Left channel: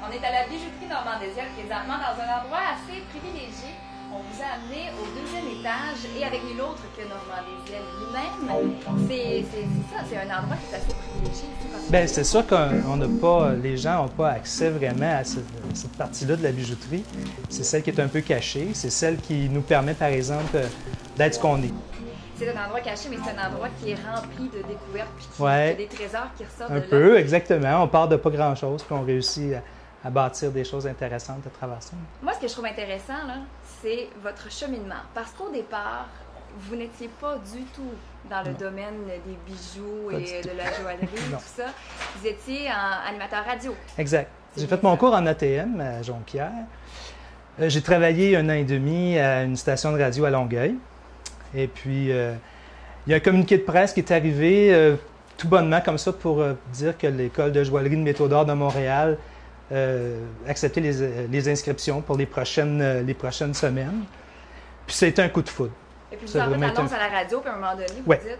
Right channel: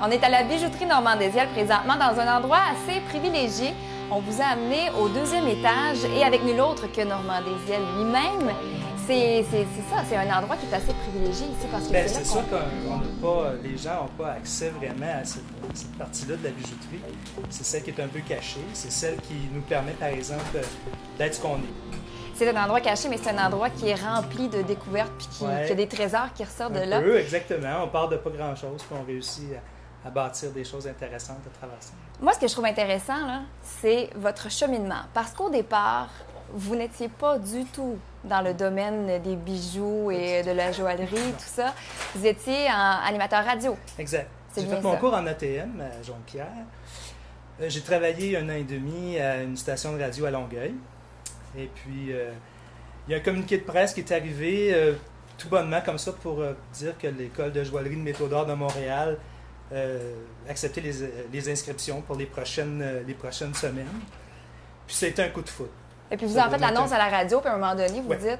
On est à la bijouterie Normandésienne présentement dans un endroit assez privilégié. On vous a amené au deuxième étage et avec nul autre que Normandésienne lui-même. C'est ça, c'est un endroit qui est assez privilégié ici. Bien, c'est sûr qu'on n'a pas, les gens n'ont pas accès vraiment à cette partie-là de la bijouterie. C'est celle qui est un peu cachée. C'est celle qui nous permet, par exemple, d'être ce qu'on est. C'est un endroit caché, mais c'est un endroit qui est rempli de découvertes puis qui a des trésors qui ressortent de là. Un peu, exactement. On part de pas grand-chose puis on réussit à bâtir des choses intéressantes à travers ça. Moi, ce que je trouve intéressant, c'est votre cheminement. Parce qu'au départ, vous n'étiez pas du tout dans le domaine des bijoux et de la joaillerie, tout ça. Vous étiez animateur radio. Exact. J'ai fait mon cours en ATM à Jonquière. J'ai travaillé 1 an et demi à une station de radio à Longueuil. Et puis, il y a un communiqué de presse qui est arrivé tout bonnement comme ça pour dire que l'École de joaillerie de métaux d'or de Montréal acceptait les inscriptions pour les prochaines semaines. Puis ça a été un coup de foudre. Et puis vous en faites l'annonce à la radio, puis à un moment donné, vous dites,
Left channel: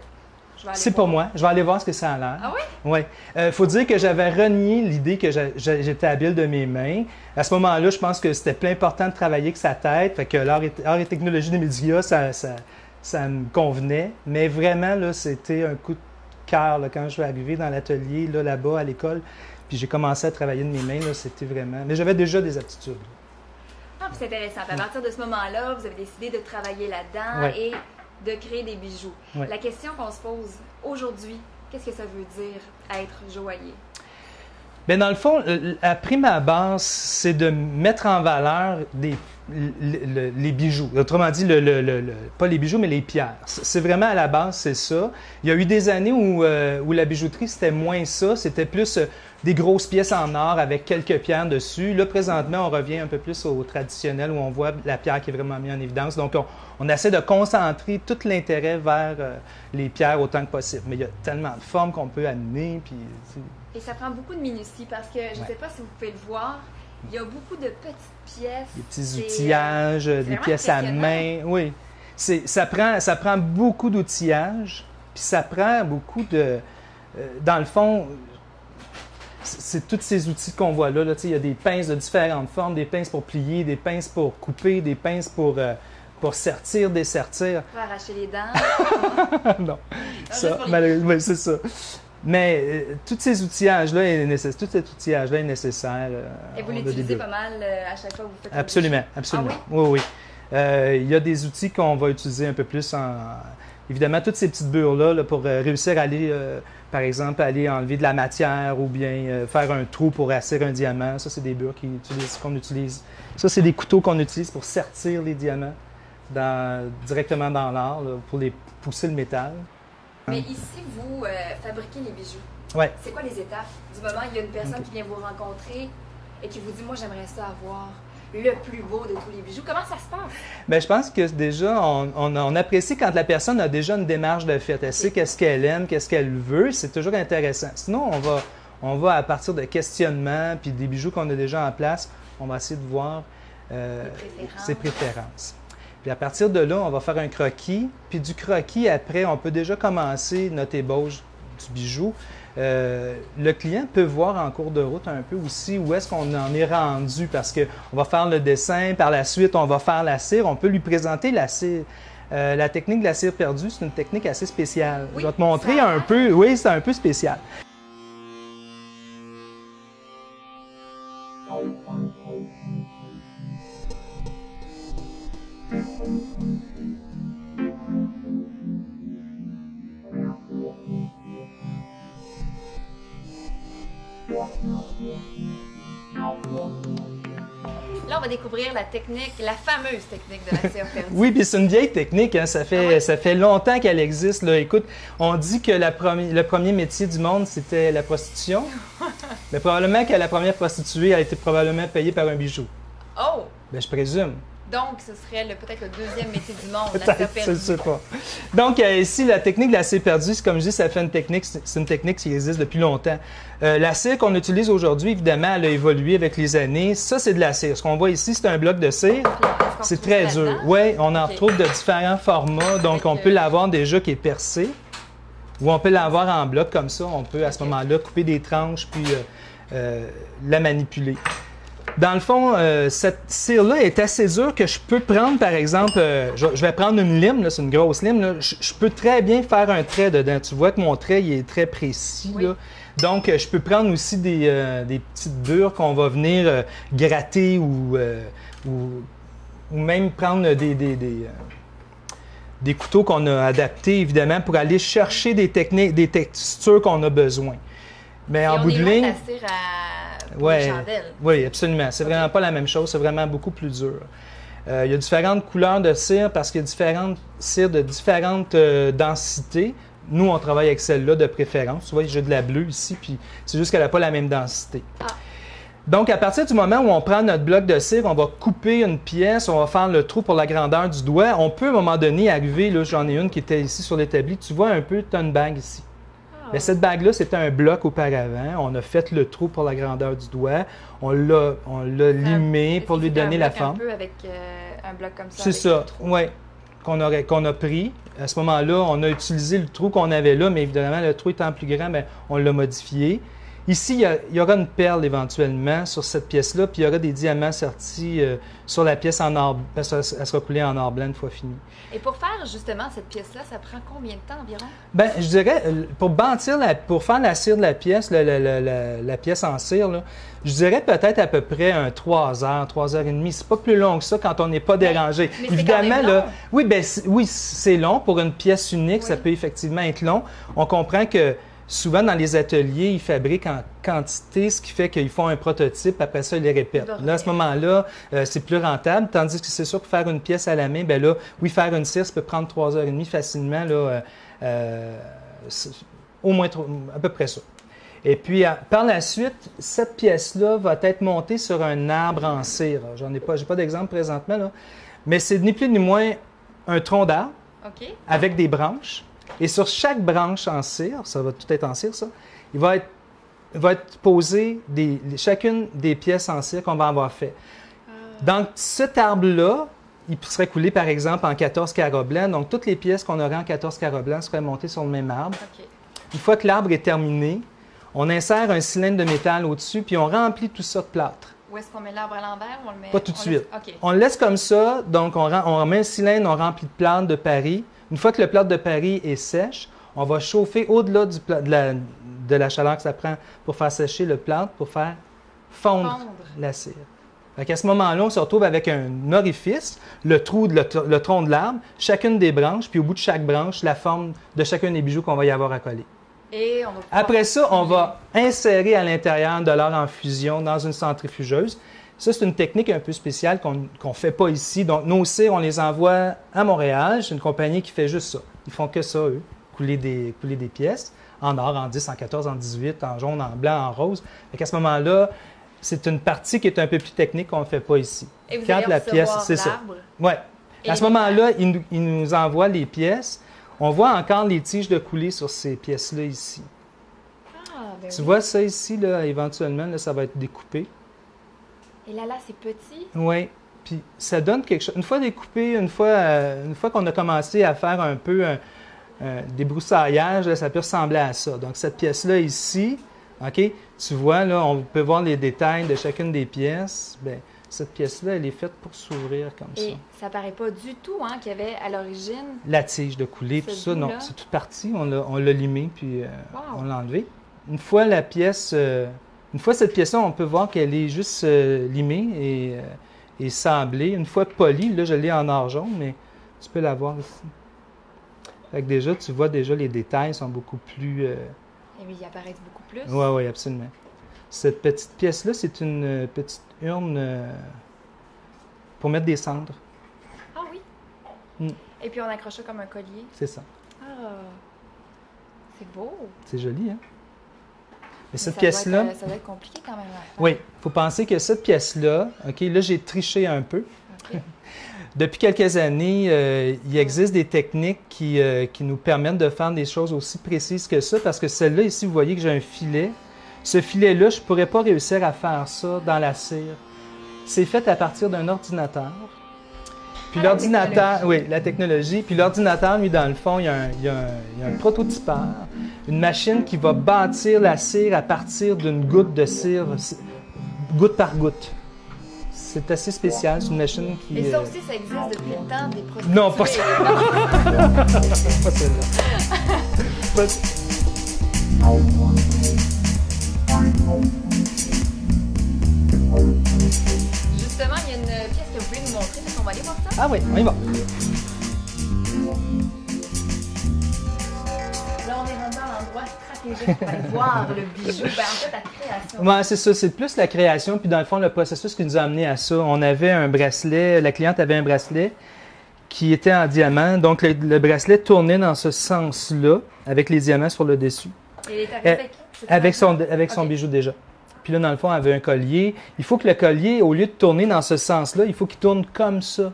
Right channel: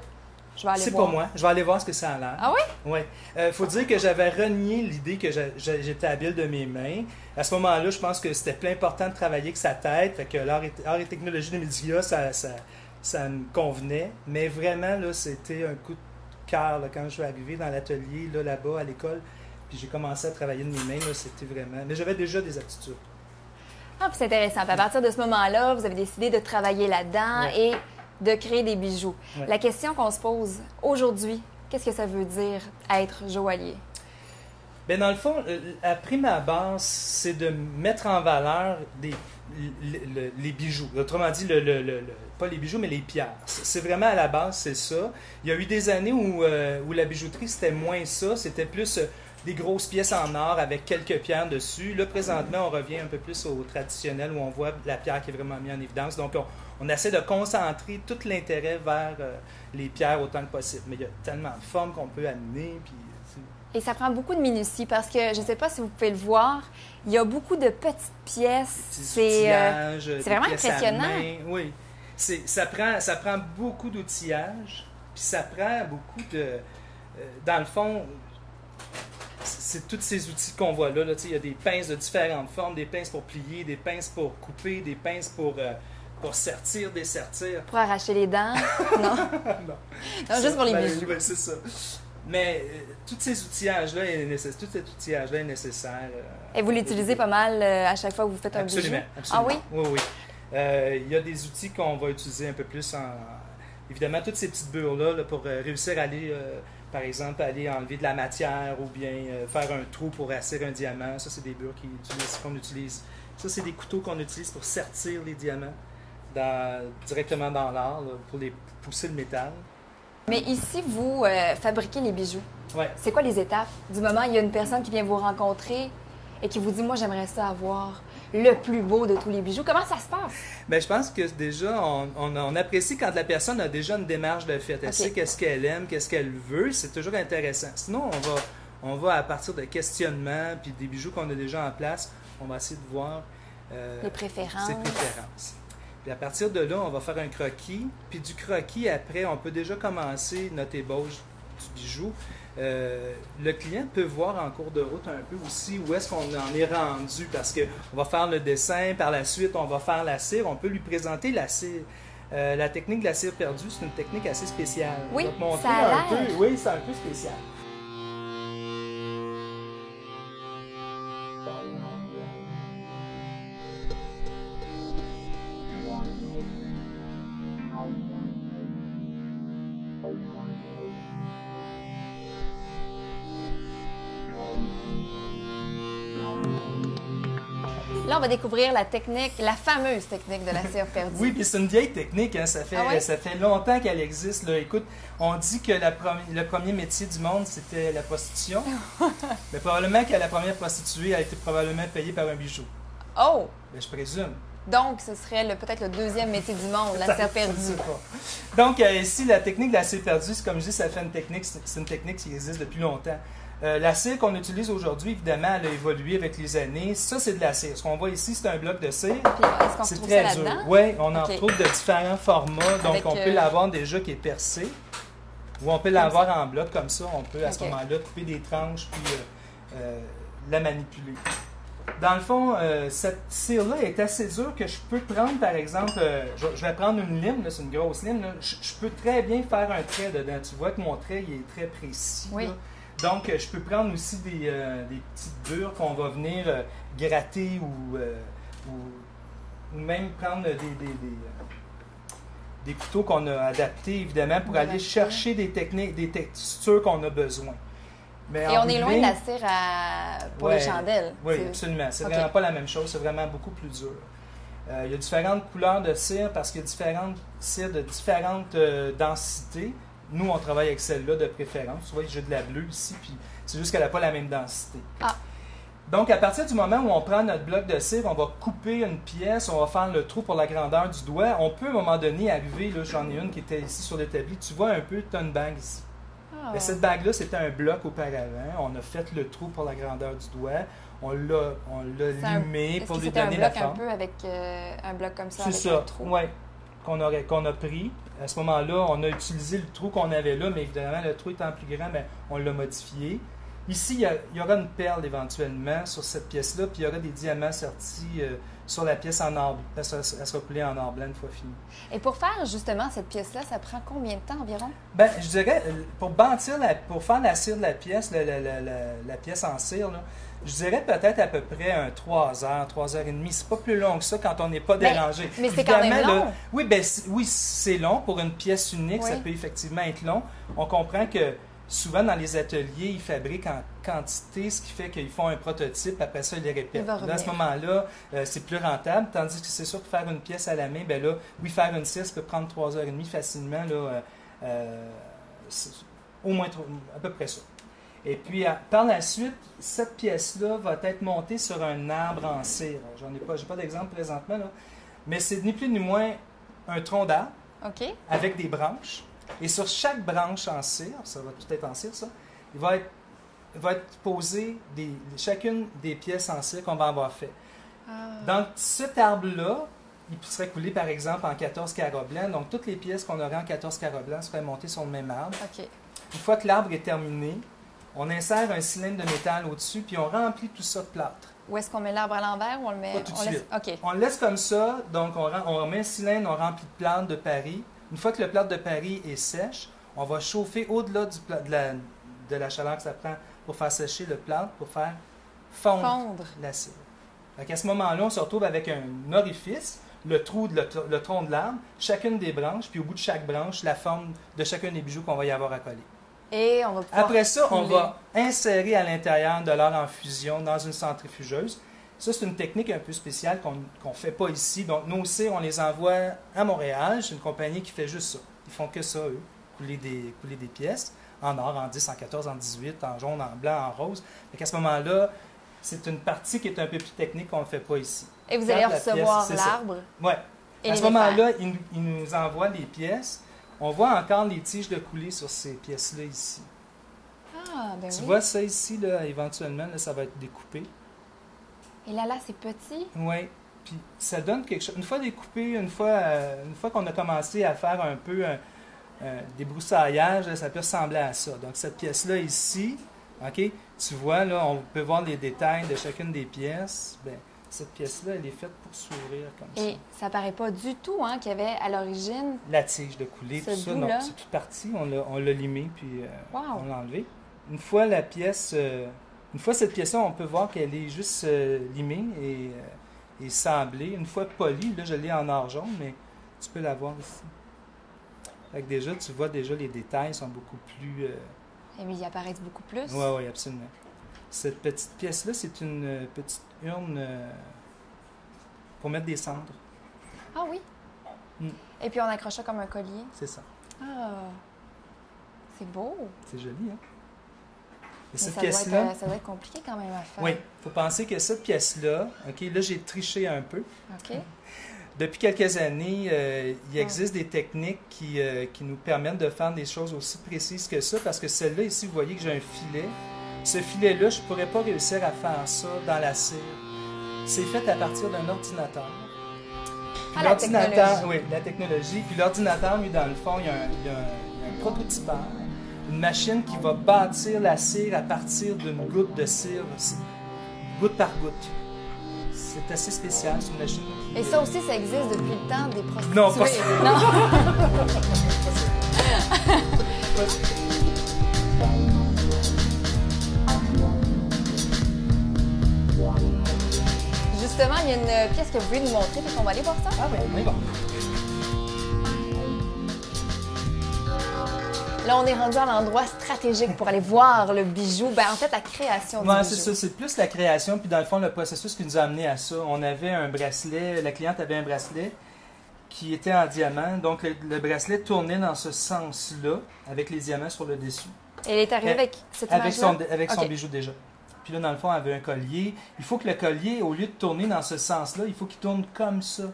je vais aller voir. C'est pas moi, je vais aller voir ce que ça a l'air. Ah oui? Oui. Il faut dire que j'avais renié l'idée que j'étais habile de mes mains. À ce moment-là, je pense que c'était plus important de travailler que sa tête. Fait que l'art et technologie des médias, ça me convenait. Mais vraiment, là, c'était un coup de cœur quand je suis arrivé dans l'atelier, là-bas, à l'école. Puis j'ai commencé à travailler de mes mains, c'était vraiment... Mais j'avais déjà des aptitudes. Ah, puis c'est intéressant. Puis à partir de ce moment-là, vous avez décidé de travailler là-dedans et de créer des bijoux. Oui. La question qu'on se pose aujourd'hui, qu'est-ce que ça veut dire être joaillier? Bien, dans le fond, à prime abord, c'est de mettre en valeur les bijoux. Autrement dit, pas les bijoux, mais les pierres. C'est vraiment à la base, c'est ça. Il y a eu des années où la bijouterie, c'était moins ça. C'était plus des grosses pièces en or avec quelques pierres dessus. Là, présentement, on revient un peu plus au traditionnel où on voit la pierre qui est vraiment mise en évidence. Donc, on essaie de concentrer tout l'intérêt vers les pierres autant que possible. Mais il y a tellement de formes qu'on peut amener. Puis, et ça prend beaucoup de minutie parce que, je ne sais pas si vous pouvez le voir, il y a beaucoup de petites pièces. Des petits outillages, des pièces à main. Oui. Ça prend beaucoup d'outillage, puis ça prend beaucoup de... dans le fond, c'est tous ces outils qu'on voit là. Il y a des pinces de différentes formes, des pinces pour plier, des pinces pour couper, des pinces pour sertir, dessertir. Pour arracher les dents? Non. Non, juste pour les bijoux. Oui, c'est ça. Mais tous ces outillages-là est nécessaire. Et vous l'utilisez pas mal à chaque fois que vous faites un Absolument, bijou? absolument. Ah oui? Oui, oui. Il y a des outils qu'on va utiliser un peu plus évidemment, toutes ces petites bures-là pour réussir à aller, par exemple, aller enlever de la matière ou bien faire un trou pour asseoir un diamant. Ça, c'est des bures qu'on utilise. Ça, c'est des couteaux qu'on utilise pour sertir les diamants directement dans l'art pour les pousser le métal. Mais ici, vous fabriquez les bijoux. Oui. C'est quoi les étapes? Du moment où il y a une personne qui vient vous rencontrer et qui vous dit « Moi, j'aimerais ça avoir le plus beau de tous les bijoux », comment ça se passe? Bien, je pense que déjà, on apprécie quand la personne a déjà une démarche de fait. Elle sait qu'est-ce qu'elle aime, qu'est-ce qu'elle veut. C'est toujours intéressant. Sinon, on va à partir de questionnements puis des bijoux qu'on a déjà en place, on va essayer de voir ses préférences. Puis à partir de là, on va faire un croquis. Puis du croquis, après, on peut déjà commencer notre ébauche du bijou. Le client peut voir en cours de route un peu aussi où est-ce qu'on en est rendu parce qu'on va faire le dessin, par la suite, on va faire la cire. On peut lui présenter la cire. La technique de la cire perdue, c'est une technique assez spéciale. Oui, je vais te montrer un peu. Oui, c'est un peu spécial. Là, on va découvrir la technique, la fameuse technique de la cire perdue. Oui, puis c'est une vieille technique, hein? Ça fait longtemps qu'elle existe. Là. Écoute, on dit que le premier métier du monde, c'était la prostitution. Mais probablement que la première prostituée a été probablement payée par un bijou. Oh! Bien, je présume. Donc, ce serait peut-être le deuxième métier du monde, la cire perdue. Je ne sais pas. Donc, ici, la technique de la cire perdue, comme je dis, c'est une technique qui existe depuis longtemps. La cire qu'on utilise aujourd'hui, évidemment, elle a évolué avec les années. Ça, c'est de la cire. Ce qu'on voit ici, c'est un bloc de cire. C'est très dur. Oui, on en retrouve de différents formats. Donc, on peut l'avoir déjà qui est percé. Ou on peut l'avoir en bloc comme ça. On peut, à ce moment-là, couper des tranches puis la manipuler. Dans le fond, cette cire-là est assez dure que je peux prendre, par exemple, je vais prendre une lime, c'est une grosse lime, là, je peux très bien faire un trait dedans. Tu vois que mon trait il est très précis. Oui. Là. Donc, je peux prendre aussi des petites bures qu'on va venir gratter ou même prendre des couteaux qu'on a adaptés, évidemment, pour aller chercher des techniques, des textures qu'on a besoin. Mais en on bout est de loin de ligne, la cire pour les chandelles. oui, absolument. C'est vraiment pas la même chose. C'est vraiment beaucoup plus dur. Il y a différentes couleurs de cire parce qu'il y a différentes cires de différentes densités. Nous, on travaille avec celle-là de préférence. Tu vois, j'ai de la bleue ici, puis c'est juste qu'elle n'a pas la même densité. Ah. Donc, à partir du moment où on prend notre bloc de cire, on va couper une pièce, on va faire le trou pour la grandeur du doigt. On peut, à un moment donné, arriver, là, j'en ai une qui était ici sur l'établi. Tu vois un peu, tu as une bague ici. Ah. Mais cette bague-là, c'était un bloc auparavant. On a fait le trou pour la grandeur du doigt. On l'a limé pour lui donner la forme. Un peu avec un bloc comme ça. C'est ça, oui, qu'on a pris. À ce moment-là, on a utilisé le trou qu'on avait là, mais évidemment, le trou étant plus grand, bien, on l'a modifié. Ici, il y aura une perle éventuellement sur cette pièce-là, puis il y aura des diamants sortis sur la pièce en or, parce qu'elle sera coulée en or blanc une fois finie. Et pour faire justement cette pièce-là, ça prend combien de temps environ? Bien, je dirais, pour faire la cire de la pièce, la pièce en cire, là, je dirais peut-être à peu près 3 heures, 3 heures et demie. C'est pas plus long que ça quand on n'est pas dérangé. Mais c'est quand même long. Là, oui, c'est long. Pour une pièce unique, ça peut effectivement être long. On comprend que souvent, dans les ateliers, ils fabriquent en quantité, ce qui fait qu'ils font un prototype, après ça, ils les répètent. Là, à ce moment-là, c'est plus rentable, tandis que c'est sûr que faire une pièce à la main, bien là, oui, faire une cire, ça peut prendre 3 heures et demie facilement, là, au moins à peu près ça. Et puis, par la suite, cette pièce-là va être montée sur un arbre en cire. J'ai pas d'exemple présentement, là, mais c'est ni plus ni moins un tronc d'arbre avec des branches. Et sur chaque branche en cire, ça va tout être en cire, ça, il va être posé chacune des pièces en cire qu'on va avoir fait. Donc, cet arbre-là, il serait coulé, par exemple, en 14 carats blancs. Donc, toutes les pièces qu'on aurait en 14 carats blancs seraient montées sur le même arbre. Une fois que l'arbre est terminé, on insère un cylindre de métal au-dessus, puis on remplit tout ça de plâtre. Où est-ce qu'on met l'arbre à l'envers ou on le met... Pas tout de suite. Okay. On le laisse comme ça, donc on met un cylindre, on remplit de plâtre de Paris. Une fois que le plâtre de Paris est sèche, on va chauffer au-delà de la chaleur que ça prend pour faire sécher le plâtre, pour faire fondre la cire. À ce moment-là, on se retrouve avec un orifice, le tronc de l'arbre, chacune des branches, puis au bout de chaque branche, la forme de chacun des bijoux qu'on va y avoir à coller. Et on va Après ça, on va insérer à l'intérieur de l'or en fusion dans une centrifugeuse. Ça, c'est une technique un peu spéciale qu'on ne fait pas ici. Donc, nos cires, on les envoie à Montréal. C'est une compagnie qui fait juste ça. Ils font que ça, eux, couler des pièces en or, en 10, en 14, en 18, en jaune, en blanc, en rose. À ce moment-là, c'est une partie qui est un peu plus technique qu'on ne fait pas ici. Et vous allez recevoir l'arbre? Oui. À ce moment-là, ils nous envoient les pièces. On voit encore les tiges de coulée sur ces pièces-là ici. Ah, ben tu vois ça ici, là, éventuellement, là, ça va être découpé. Et là, c'est petit? Oui. Puis ça donne quelque chose. Une fois découpé, une fois qu'on a commencé à faire un peu des broussaillards, là, ça peut ressembler à ça. Donc, cette pièce-là ici, OK, tu vois, là, on peut voir les détails de chacune des pièces. Bien, cette pièce-là, elle est faite pour s'ouvrir comme ça. Ça ne paraît pas du tout qu'il y avait à l'origine... La tige de coulée, tout ça, non, c'est toute partie. On l'a limé, puis on l'a enlevé. Une fois cette pièce-là, on peut voir qu'elle est juste limée et sablée. Une fois polie, là, je l'ai en or jaune, mais tu peux la voir ici. Fait que déjà, tu vois, les détails sont beaucoup plus... Mais ils apparaissent beaucoup plus. Oui, absolument. Cette petite pièce-là, c'est une petite urne pour mettre des cendres. Ah oui? Et puis on accroche ça comme un collier? C'est ça. Ah! C'est beau! C'est joli, hein? Et cette ça pièce-là... Ça doit être compliqué quand même à faire. Oui, il faut penser que cette pièce-là, OK, là, j'ai triché un peu. OK. Depuis quelques années, il existe des techniques qui nous permettent de faire des choses aussi précises que ça, parce que celle-là, ici, vous voyez que j'ai un filet. Ce filet-là, je ne pourrais pas réussir à faire ça dans la cire. C'est fait à partir d'un ordinateur. Puis l'ordinateur, oui, la technologie. Puis l'ordinateur, lui, dans le fond, il y a un prototypeur, une machine qui va bâtir la cire à partir d'une goutte de cire, goutte par goutte. c'est assez spécial. C'est une machine qui... Et ça aussi, ça existe depuis le temps des prostituées. Non, pas ça. Non. Pas celle-là. Pas- Justement, il y a une pièce que vous voulez nous montrer, donc on va aller voir ça. Ah oui, on y va. Là, on est rendu à l'endroit stratégique pour aller voir le bijou. Ben, en fait, la création. Ouais, c'est ça. C'est plus la création. Puis dans le fond, le processus qui nous a amené à ça. On avait un bracelet. La cliente avait un bracelet qui était en diamant. Donc, le bracelet tournait dans ce sens-là, avec les diamants sur le dessus. Et elle est arrivée avec cette Avec son Ok. bijou déjà. Puis là, dans le fond, elle avait un collier. Il faut que le collier, au lieu de tourner dans ce sens-là, il faut qu'il tourne comme ça.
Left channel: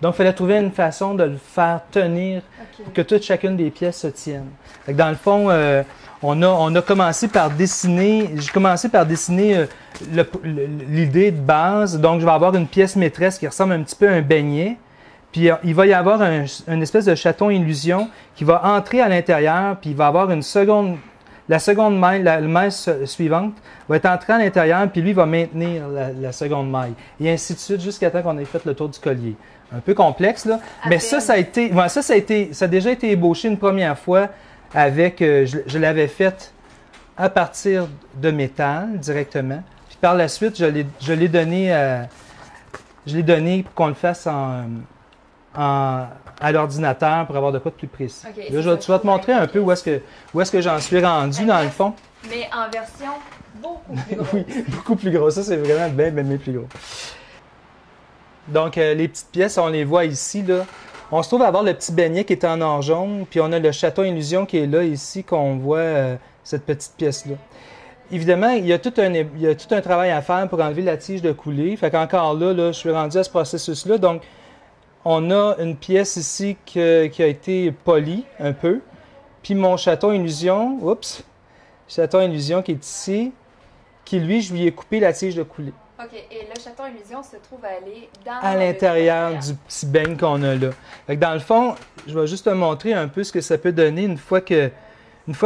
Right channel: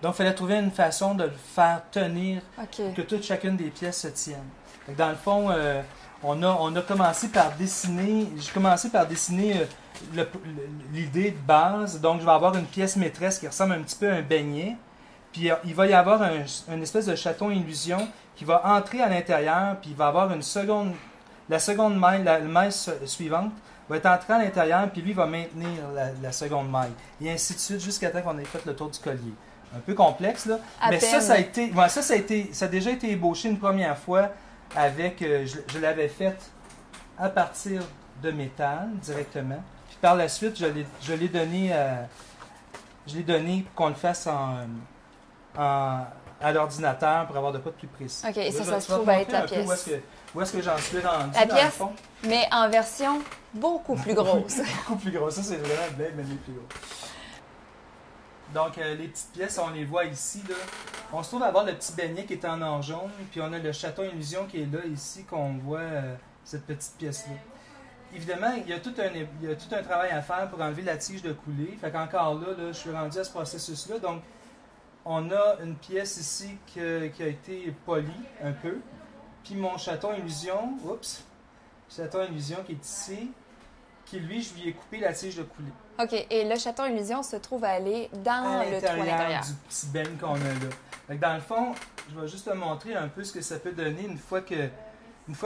Donc, il fallait trouver une façon de le faire tenir, OK. que chacune des pièces se tiennent. Fait que dans le fond, on a commencé par dessiner, j'ai commencé par dessiner l'idée de base. Donc, je vais avoir une pièce maîtresse qui ressemble un petit peu à un beignet. Puis, il va y avoir une espèce de chaton illusion qui va entrer à l'intérieur, puis il va avoir une seconde, la seconde maille, la maille suivante va être entrée à l'intérieur, puis lui va maintenir la seconde maille. Et ainsi de suite, jusqu'à temps qu'on ait fait le tour du collier. Un peu complexe, là. Mais ça a déjà été ébauché une première fois avec, je l'avais fait à partir de métal directement. Puis par la suite, je l'ai donné pour qu'on le fasse à l'ordinateur pour avoir de quoi de plus précis. OK, Là, ça, je vais te montrer un peu où est-ce que j'en suis rendu La dans le pièce, fond. Mais en version beaucoup plus grosse. Oui, beaucoup plus gros. Ça, c'est vraiment bien plus gros. Donc, les petites pièces, on les voit ici, là. On se trouve à avoir le petit beignet qui est en or jaune, puis on a le chaton illusion qui est là, ici, qu'on voit cette petite pièce-là. Évidemment, il y a tout un travail à faire pour enlever la tige de coulée. Fait qu'encore là, je suis rendu à ce processus-là. Donc, on a une pièce ici qui a été polie un peu. Puis mon chaton illusion, chaton illusion qui est ici, qui lui, je lui ai coupé la tige de coulée. OK. Et le chaton illusion se trouve aller dans À l'intérieur du petit beigne qu'on a là. Fait que dans le fond, je vais juste te montrer un peu ce que ça peut donner une fois que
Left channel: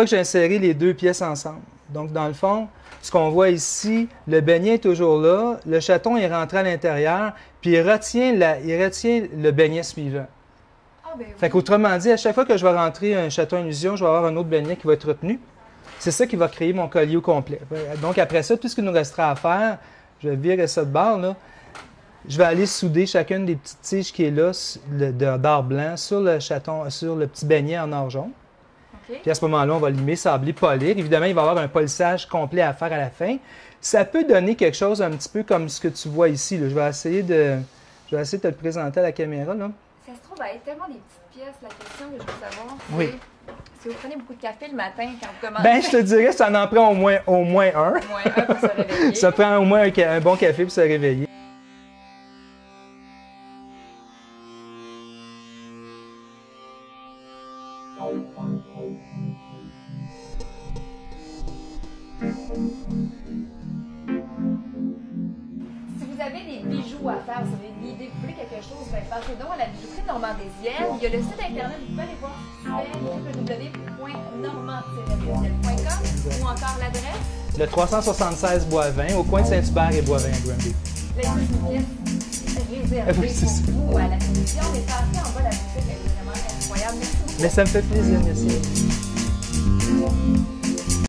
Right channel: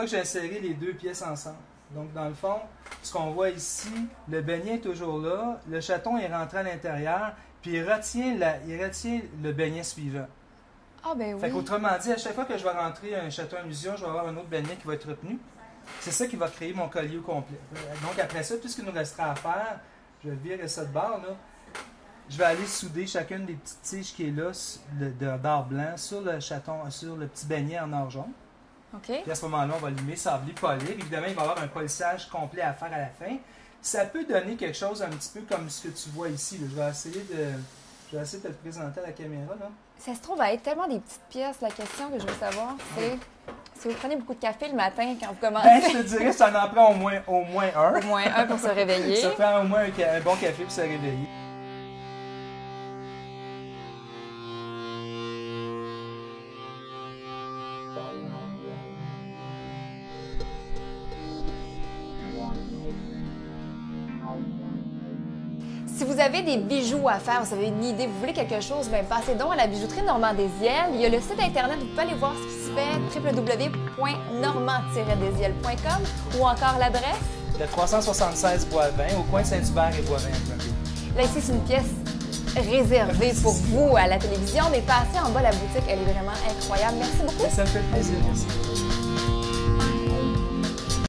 j'ai inséré les deux pièces ensemble. Donc, dans le fond, ce qu'on voit ici, le beignet est toujours là, le chaton est rentré à l'intérieur, puis il retient le beignet suivant. Ah, ben oui. Fait qu'autrement dit, à chaque fois que je vais rentrer un chaton illusion, je vais avoir un autre beignet qui va être retenu. C'est ça qui va créer mon collier au complet. Donc, après ça, tout ce qu'il nous restera à faire, je vais virer ça de bord, là. Je vais aller souder chacune des petites tiges qui est là, d'or blanc, sur le chaton, sur le petit beignet en or jaune. OK. Puis à ce moment-là, on va limer, sabler, polir. Évidemment, il va y avoir un polissage complet à faire à la fin. Ça peut donner quelque chose un petit peu comme ce que tu vois ici, là. Je vais essayer de te le présenter à la caméra, là. Ça se trouve à être tellement des petites pièces. La question que je veux savoir, c'est Oui. si vous prenez beaucoup de café le matin quand vous commencez. Ben, je te dirais, ça en prend au moins un. Au moins un pour se réveiller. Ça prend au moins un bon café pour se réveiller. Si vous avez des bijoux à faire, vous avez une idée, vous voulez quelque chose, bien, passez donc à la bijouterie Normand-Deszielles. Il y a le site internet, vous pouvez aller voir ce qui se fait, www.normand-deszielles.com ou encore l'adresse. Le 376 Boisvin, au coin de Saint-Hubert et Boisvin à Granby. Là, ici, c'est une pièce réservée Oui, c'est pour ça. vous à la télévision, mais passez en bas, la boutique, elle est vraiment incroyable. Merci beaucoup. Mais ça me fait plaisir, merci.